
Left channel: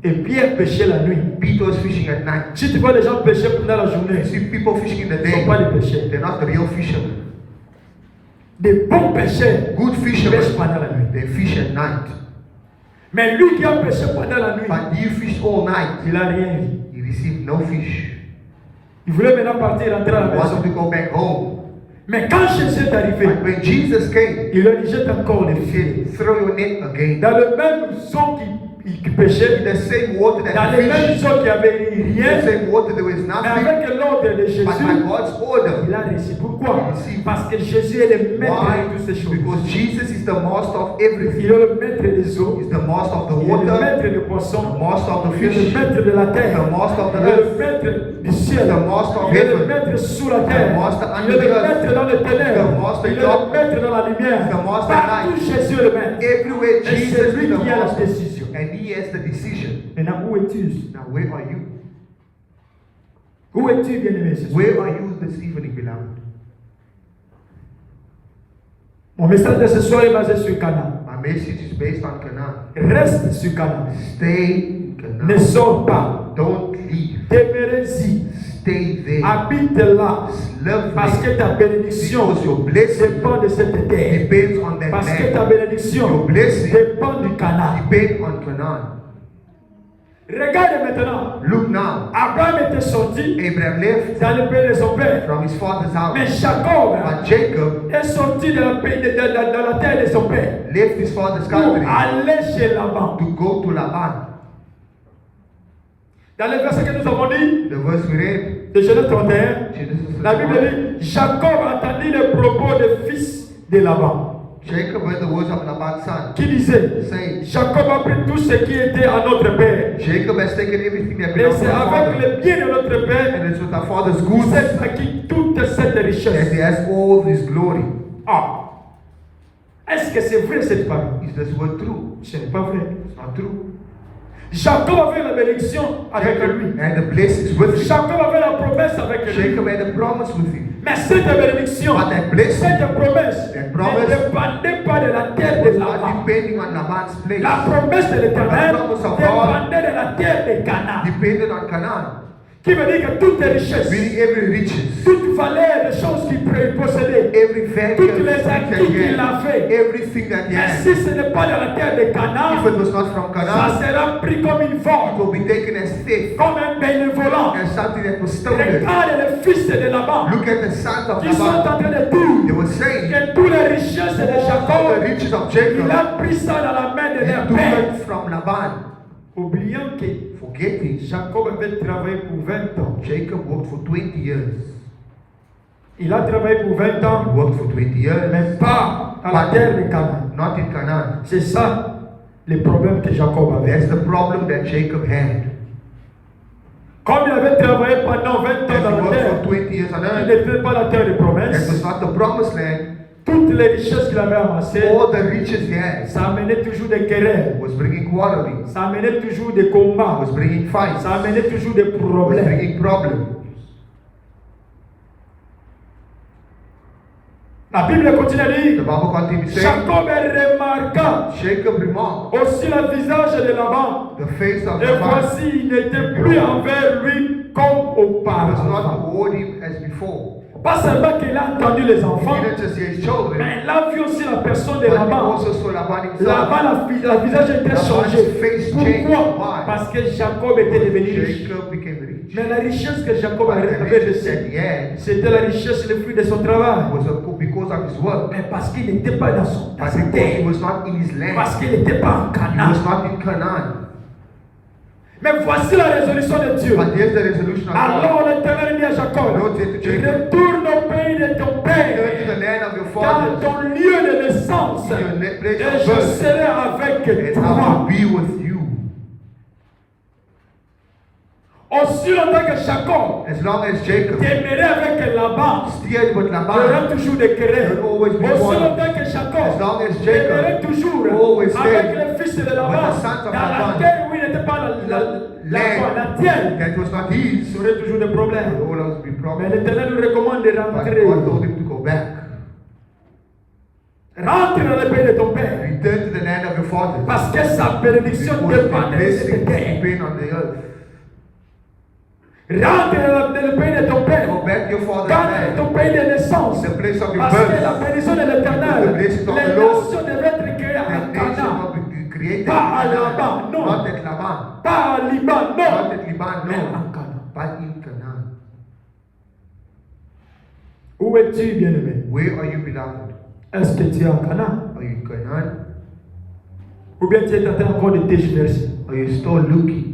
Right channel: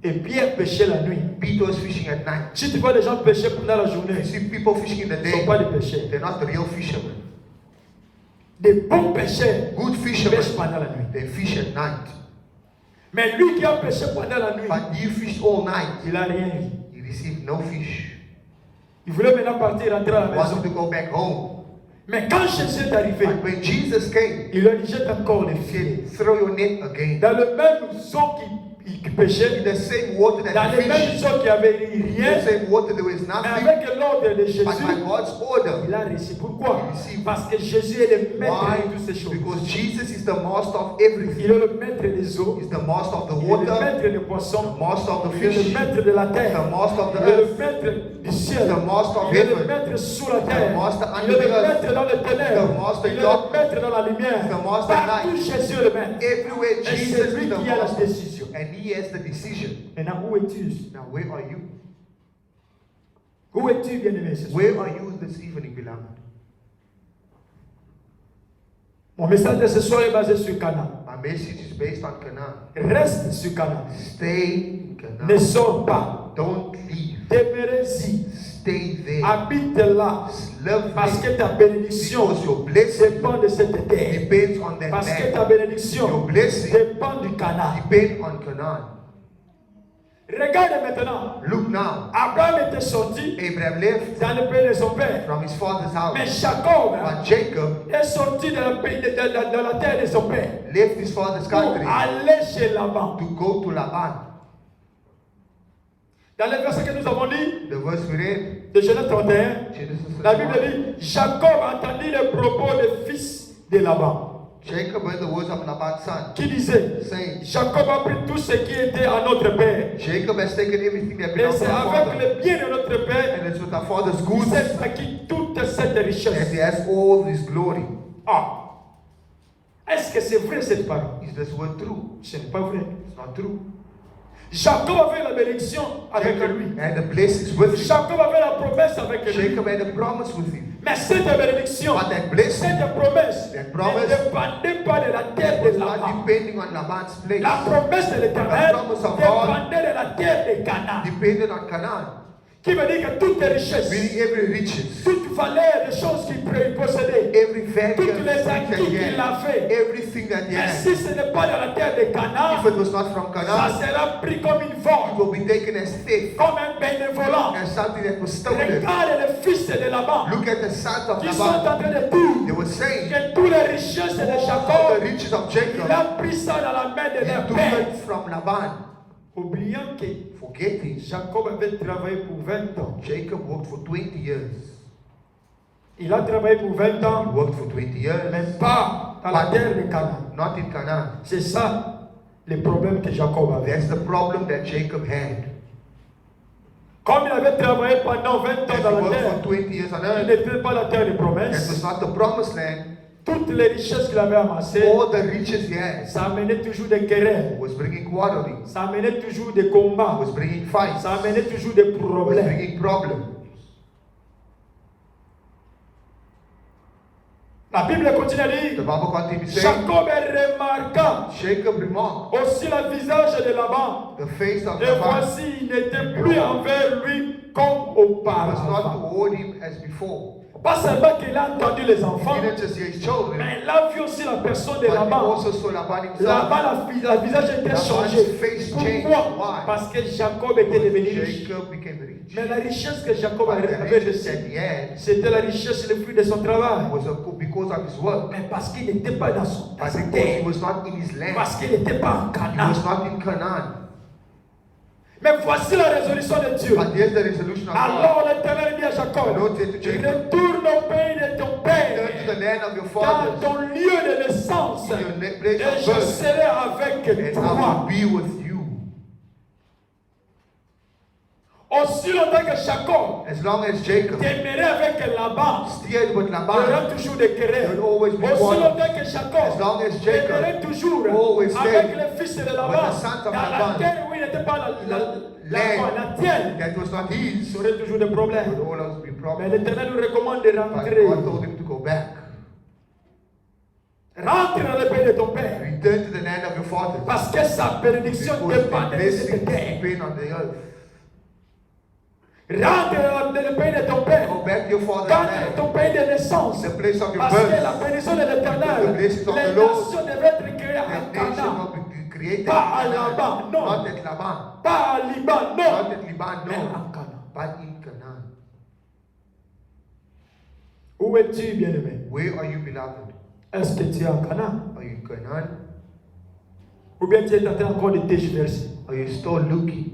Et Pierre péchait la nuit. Peter was fishing at night. Si tu vois les gens pécher pendant la journée, You see people fishing in the ce ne sont day, pas des pécheurs. they're not the real fishermen. Des bons pécheurs Good pêchent fishermen, pendant la nuit. they fish at night. Mais lui qui a péché pendant la nuit, But you fish all night, il n'a rien vu. you receive no fish. Il voulait maintenant partir, rentrer à la He maison. wanted to go back home. Mais quand Jésus est arrivé, But when Jesus came, il leur dit jette encore les he filets. said, throw your net again. Dans le même zone qui pêchait, In the same water dans that les the mêmes fish, zones qui avait in the rien, same water there was mais nothing. avec l'ordre de Jésus, But by God's order, il a réussi. Pourquoi? Ici. Parce que Jésus est le maître why? de toutes ces choses. Because Jesus is the master of Il everything. est le maître des eaux, He's the master of the il est le water, maître des the poissons, master of the il est fish, le maître de la the terre, master of the il est le earth, maître du ciel, the master of il est le heaven, maître sous la terre, the master il under est the le earth, maître dans les ténèbres, the master il est in le darkness, maître dans la lumière. the master in Partout light. Jésus est le maître. Everywhere Et Jesus c'est is lui the qui a la master, décision. and he has the decision. Maintenant, où es-tu? Now where are you? Où es-tu, bien-aimé? ce soir? Where are you this evening, beloved? Mon message de ce soir est basé sur Canaan. My message is based on Canaan. Reste sur Canaan. Stay in Ne Canaan. sors pas. Don't leave. Demeurez-y. Stay there. Habite là. Love Parce there. que ta bénédiction Because your blessing dépend de cette terre. depends on that Parce que ta land. bénédiction Your blessing dépend du Canaan. depends on Canaan. Regarde maintenant. Look now. Abraham était sorti Abraham left dans le pays de son père. from his father's Mais house. Jacob But Jacob est sorti de la terre de son père left his father's pour country aller chez Laban. to go to Laban. Dans le verset que nous avons dit, The verse we read, de Genèse 31, Genesis la Bible 31. dit, Jacob entendit les propos des fils de Laban, Jacob heard the words of Laban's son, qui disait, saying, Jacob a pris tout ce qui était à notre père. Jacob has taken everything that Et belongs to c'est our avec father, le bien de notre père and it's with our father's qu'il goods s'est acquis toute cette that richesse. he has all his glory. Ah, est-ce que c'est vrai cette parole? Is this word true? Ce n'est pas vrai. It's not true. Jacob avait la bénédiction avec lui. And the blessings with him. Jacob avait la promesse avec lui. Jacob had a promise with him. Mais cette bénédiction, But that blessing cette promesse That ne promise dépendait pas de la terre was de not Laban. depending on Laban's place. La promesse de l'Éternel The promise of God dépendait de la terre de Canaan. depended on Canaan. Qui veut dire que toutes les richesses, Meaning every riches, toute valeur des choses qu'il possédait, every value, toutes les that acquis he qu'il had, a fait, everything that he mais had. si ce n'est pas dans la terre de If Canaan, it was not from ça Canaan, sera pris comme une it vente, will be taken as theft, comme un bénévolat. as something that was stolen. Regarde les fils de Laban Look at the sons of qui sont en Laban. train de They dire were saying, que toutes les richesses de all the Jacob, riches of il Jacob, a pris ça dans la main de he leur took père. it from Laban. Oubliant que Forgetting, Jacob avait travaillé pour 20 ans. Jacob worked for 20 years. Il a travaillé pour 20 He ans, worked for 20 years, mais pas dans la terre de Canaan. not in Canaan. C'est ça le problème que Jacob avait. That's the problem that Jacob had. Comme il avait travaillé pendant 20 ans As dans he la worked terre, for 20 years on il earth, n'était pas la terre de that was promesse. not the promised land. Toutes les richesses qu'il avait amassées, All the riches he had ça amenait toujours des querelles, was bringing quarreling, ça amenait toujours des combats, was bringing fights, ça amenait toujours des was problèmes. bringing problems. La Bible continue à The dire, Bible continues saying, Jacob remarqua Jacob remarked aussi le visage de Laban. the face of Et Laban voici, il n'était plus envers lui comme was not auparavant. toward him as before. Pas seulement qu'il a entendu les enfants, He didn't just see his children, mais il a vu aussi la personne de but he Laban. also saw Laban himself. Laban, la visage était Laban's changé. face changed. Pourquoi? Why? Parce que Jacob était devenu riche. Jacob became rich. Mais la richesse que Jacob But the avait riches reçue, that he had c'était la richesse, le fruit de son travail. was because of his work. Mais parce qu'il n'était pas dans son But sa because he terre. was not in his land. Parce qu'il n'était pas en He Canaan. was not in Canaan. Mais voici la résolution de Dieu. But here's the resolution of God. Alors l'Éternel dit à Jacob, Lord said to Jacob, retourne au pays de ton return père, to the land of your dans fathers, ton lieu de naissance, to your place et of je birth, serai avec and I toi. will be with you. Aussi longtemps que Jacob As long as Jacob demeurait avec Laban, stayed with il y Laban, aura toujours des querelles. There will always be Aussi quarrels. longtemps que As Jacob long as Jacob demeurait toujours always stayed avec les fils de Laban, with the sons of dans la Laban, terre où il n'était pas la tienne, that was not il his, y aurait toujours des there problèmes. will always be Mais problems. l'Éternel nous recommande de But rentrer. God told him to go back. Rentre dans le pays de ton père. Return to the land of your fathers. Parce que sa bénédiction Because your dépend de blessings cette terre. depend on the earth. Rentre dans le pays de ton père. Go back to your father's Dans land. ton pays de naissance. The place of your Parce que la birth. bénédiction de l'Éternel, The blessings of les the Lord. nations devaient être créées à The nation Canaan. will be created. Pas à Laban, non. Not at Laban. Pas à Liban, Not non. at Liban, Mais no. en Canaan. But in Canaan. Où es-tu, bien-aimé? Where are you, beloved? Est-ce que tu es en Canaan? Are you in Canaan? Ou bien tu es en train encore de tergiverser? Are you still looking?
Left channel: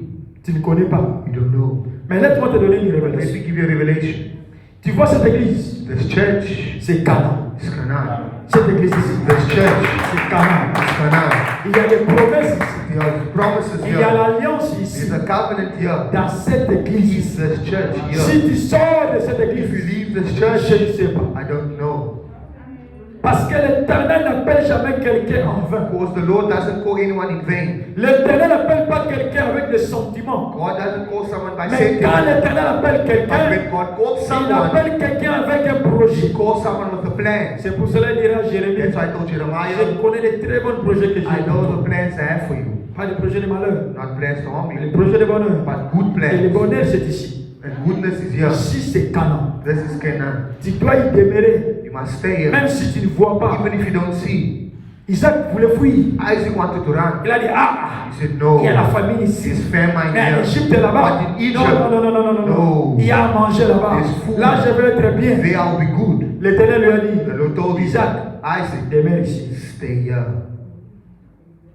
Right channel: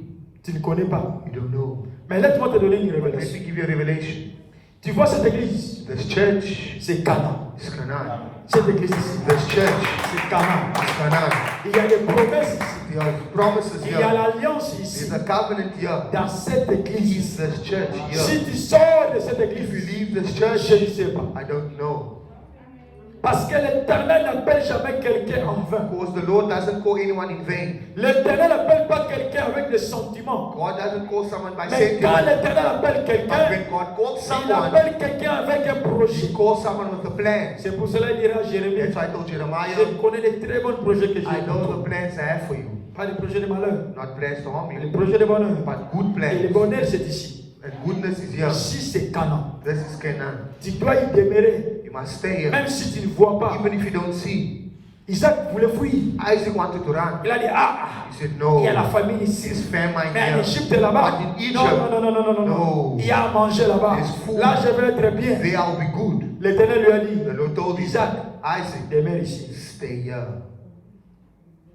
Tu ne connais pas. You don't know. Mais laisse-moi te donner une Let révélation. me give you a revelation. Tu vois cette église? This church C'est Canaan. is Canaan. Cette église ici, This church c'est Canaan. is Canaan. Il y a des promesses ici. There are promises Il y a here. l'alliance ici. There's a covenant here. Dans cette église ici. This church Si here. tu sors de cette If église, you leave this je church, ne sais pas. I don't know. Parce que l'Éternel n'appelle jamais quelqu'un en vain. Because the Lord doesn't call anyone in vain. L'Éternel n'appelle pas quelqu'un avec des sentiments. God doesn't call someone by Mais quand sentiment. l'Éternel appelle But quelqu'un, when God calls il someone, appelle quelqu'un avec un He projet. calls someone with a plan. C'est pour cela qu'il dira à Jérémie, That's why I told je Jeremiah, connais les très bons projets que j'ai. I know the plans I have for you. Pas des projets de malheur, Not plans to harm mais des you, projets de bonheur. but good Et le plans. bonheur, c'est ici. And goodness is here. Ici, c'est Canaan. This is Canaan. Tu dois y demeurer, You must stay here. même si tu ne vois pas. Even if you don't see. Isaac voulait fuir. Isaac wanted to run. Il a dit, He said, no. il y a la famine ici. There's famine Mais en here. Égypte là-bas. But in Egypt, Non. no. Il y a à manger là-bas. There's food. Là, je vais être bien. There I'll be good. L'Éternel lui a dit, The Lord told Isaac, Isaac, demeure ici. stay here.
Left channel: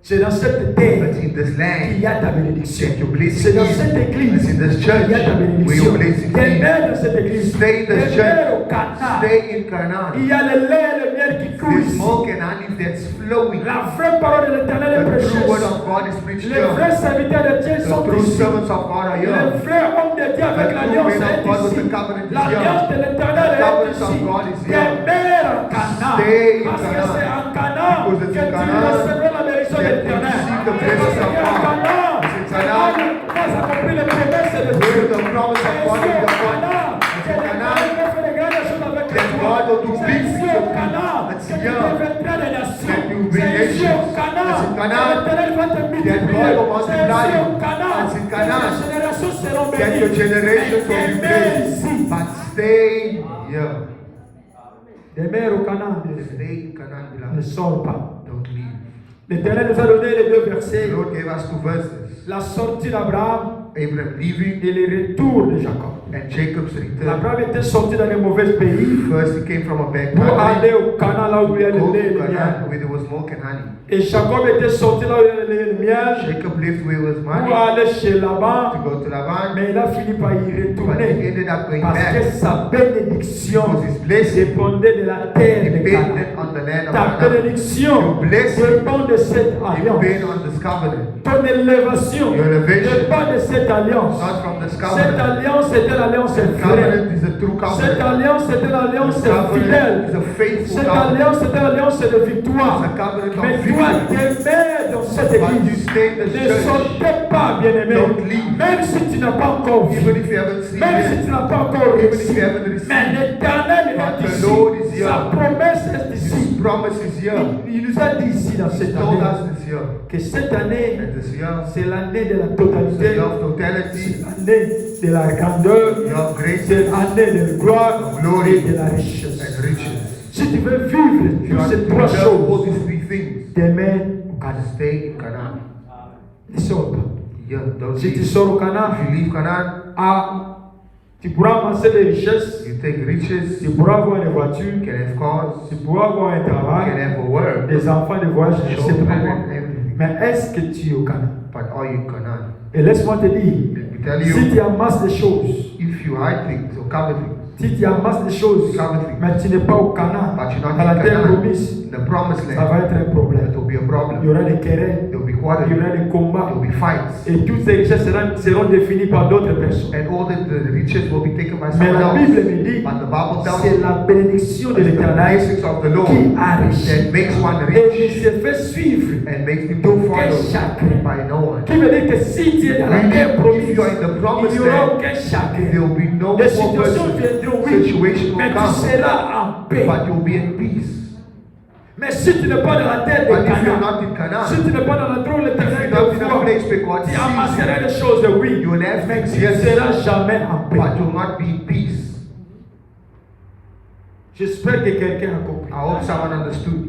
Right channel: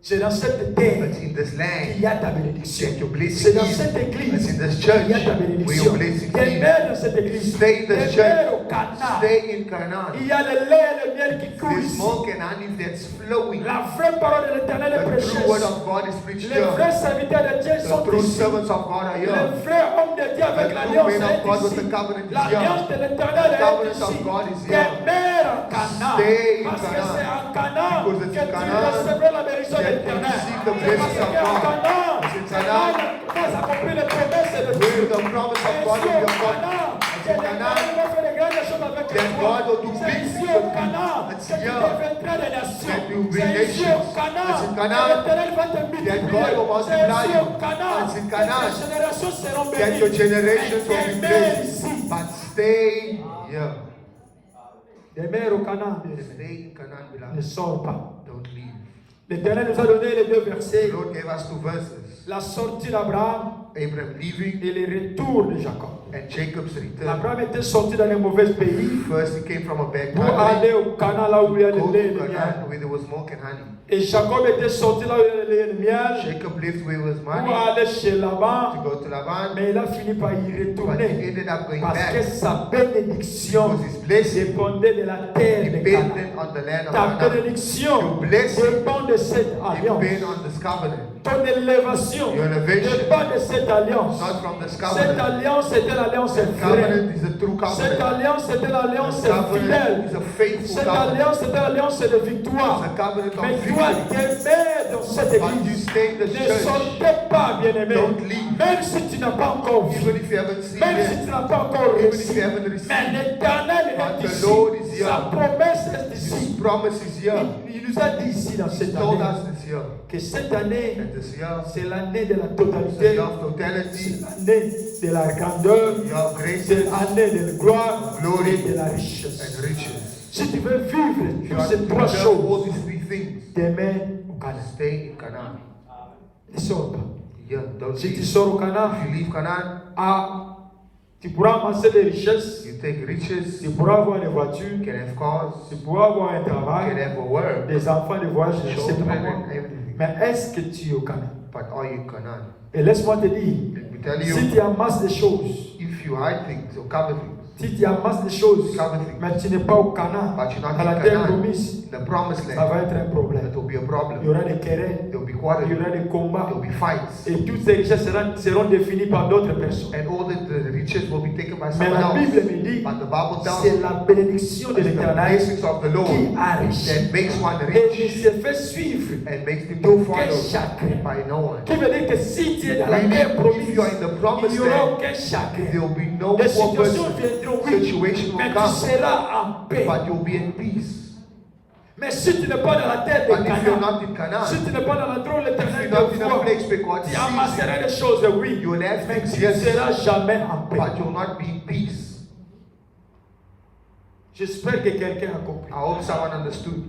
C'est dans cette terre It's in this qu'il land y a ta bénédiction. that your blessing C'est dans is. cette église It's in this qu'il church y a ta where bénédiction. your blessing is. Demeure dans cette église. Stay in this Demeure au church. Canaan. Stay in Canaan. Il y a le lait et le miel qui coulent There's ici. milk and honey that's flowing. La vraie parole de l'Éternel est The true word prêcheuse. of God is preached Les here. vrais serviteurs de Dieu The sont true ici. servants of God are Les here. vrais hommes de Dieu avec The true l'alliance men of est God with ici. the covenant is L'alliance de here. l'Éternel The est covenant of ici. God is here. Demeure en Canaan. Stay in Parce que Canaan. c'est en Canaan Because que it's tu in Canaan recevras la bénédiction de that you l'Éternel. receive the C'est parce blessings que of en God. Canaan, It's in c'est Canaan. là où tu as accompli les promesses de Where Dieu. the promise of God C'est is au your God. Canaan It's que in l'Éternel Canaan va faire de grandes choses avec that toi. God will do C'est big ici things au with you. Canaan It's que tu here deviendras des nations. that you will be C'est ici au nations. Canaan It's in que Canaan l'Éternel va te that multiplier. God will C'est multiply ici you. au Canaan It's in que Canaan tes générations seront that your bénies. generations will be blessed. ici. But stay here. Demeure au Canaan. Stay in Canaan, Ne beloved. sors pas. Don't leave. L'Éternel nous a donné les deux versets. The Lord gave us two verses. La sortie d'Abraham Abraham leaving et le retour de Jacob. and Jacob's return. Abraham était sorti dans les mauvais pays First he came from a bad pour family. aller au Canaan là où il y a le Go lait et to le miel. Canaan where there was milk and honey. Et Jacob était sorti là où il y a le lait et le miel Jacob lived where there was pour money aller chez Laban. to go to Laban, Mais il a fini par y but he retourner ended up going parce que back sa bénédiction because his blessing dépendait de la terre de Canaan. depended on the land of Ta Canaan. bénédiction Your blessing dépend de cette alliance. depend on this covenant. Ton élévation Your elevation dépend de cette alliance. not from this Cette covenant. alliance est une alliance The vraie. covenant is a true Cette covenant. alliance est une alliance The covenant fidèle. is a faithful Cette covenant. alliance est une alliance de victoire. It's a covenant Mais of toi, victory. demeure dans cette But you église. stay in the Ne church. sortez pas, bien-aimé. Don't leave. Même si tu n'as pas encore vu. Even if you haven't seen Même si it, tu n'as pas encore even if réussi. you haven't received Mais it, l'Éternel but est the ici. Lord is here. Sa promesse est His ici. promise is here. Il nous a dit ici dans He cette told année us this year. que cette année, And this year, c'est l'année de la the totalité. year of totality, C'est l'année de la grandeur. the year of grace C'est l'année de gloire Glory. et de la richesse. and riches. Si tu veux vivre If you toutes are ces to trois preserve all choses, these three things, demeure au Canaan. stay in Canaan. Ne sors pas. Yeah, don't Si tu leave. sors au Canaan, If you leave Canaan, tu pourras amasser des richesses, you take riches, tu you pourras avoir des voitures, can have cars, tu pourras avoir un you travail, can have a work, des enfants de voyage, je ne sais pas children, quoi. everything. Mais est-ce que tu es au Canaan? But are you in Canaan? Et laisse-moi te dire, Let me tell si you, tu amasses des choses, if you hide things or cover things, si tu amasses des choses, mais tu n'es pas au Canaan, but you're not dans la in terre Canaan, promise, in the promised ça land, va être un problème. that will be a Il y problem. aura des querelles, There will be il y quarrels, aura des combats, there will be fights, et toutes ces richesses seront définies par d'autres personnes. and all the riches will be taken by Mais someone la else. Bible me dit, But the Bible tells c'est us la bénédiction de it's the l'Éternel blessings of the Lord qui enrichit that makes one et qui rich se fait suivre and makes him to d'aucun follow chacun. by no one. Qui veut dire que si tu es dans la terre If promise, you are in the il promised n'y aura land, aucun chacun. there will be no Les more situations person. viendront, oui, Situation mais will tu come, seras en paix. but you'll be in peace. Mais si tu n'es pas dans la terre de But if you're Canaan, not in Canaan, si tu n'es pas dans la terre où if l'Éternel you're not in te a voit, place where God tu sees you, amasseras des choses de oui, you will have mais things, tu ne yes, seras jamais en paix. but you'll not be in peace. J'espère que quelqu'un a compris. I hope someone understood.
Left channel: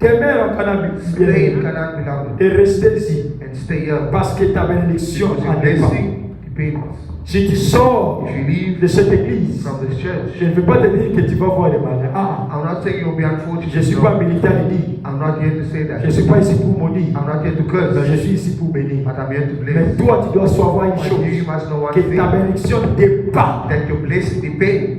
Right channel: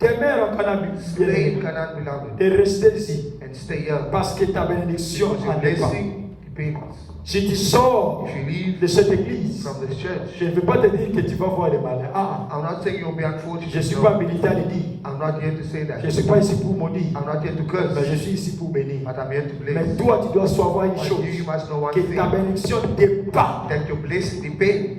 Demeure en Canaan, Stay in Canaan, beloved, et restez ici, and stay here. parce que ta bénédiction Because your en dépend. blessing pains. Si tu sors If you leave de cette église, from this church, je ne veux pas te dire que tu vas voir les malins. I'm not saying you'll be unfortunate. Je ne suis No. pas militant de dire. I'm not here to say Je that. ne suis pas ici pour maudire. I'm not here to Mais curse. je suis ici pour bénir. But I'm here to Mais bless. toi, tu dois savoir une But chose. you must know one Que thing. ta bénédiction dépend. That your blessing depends.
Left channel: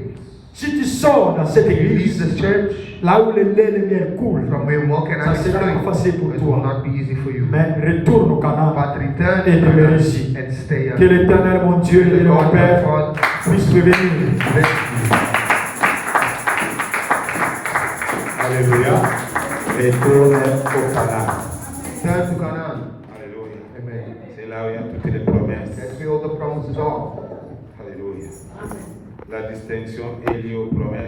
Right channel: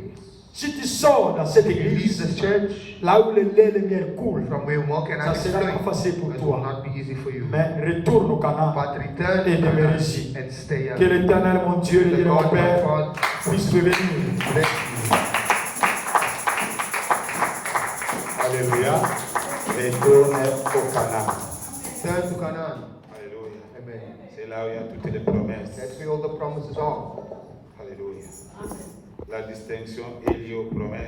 Si tu sors dans cette You leave église, this church là où le lait et le miel coulent, from where milk and ça honey sera pas flow. facile pour It will toi. not be easy for you. Mais retourne au Canaan. But return Et to demeure Canaan ici. and stay Que here. l'Éternel, mon Dieu et The mon Lord, my Père, Father, puisse prévenir. bless you. Alléluia. Retourne au Canaan. Turn to Canaan. Alléluia. Amen. C'est là où il y a toutes les promesses. That's where all the promises are. Alléluia. La distinction est liée aux promesses.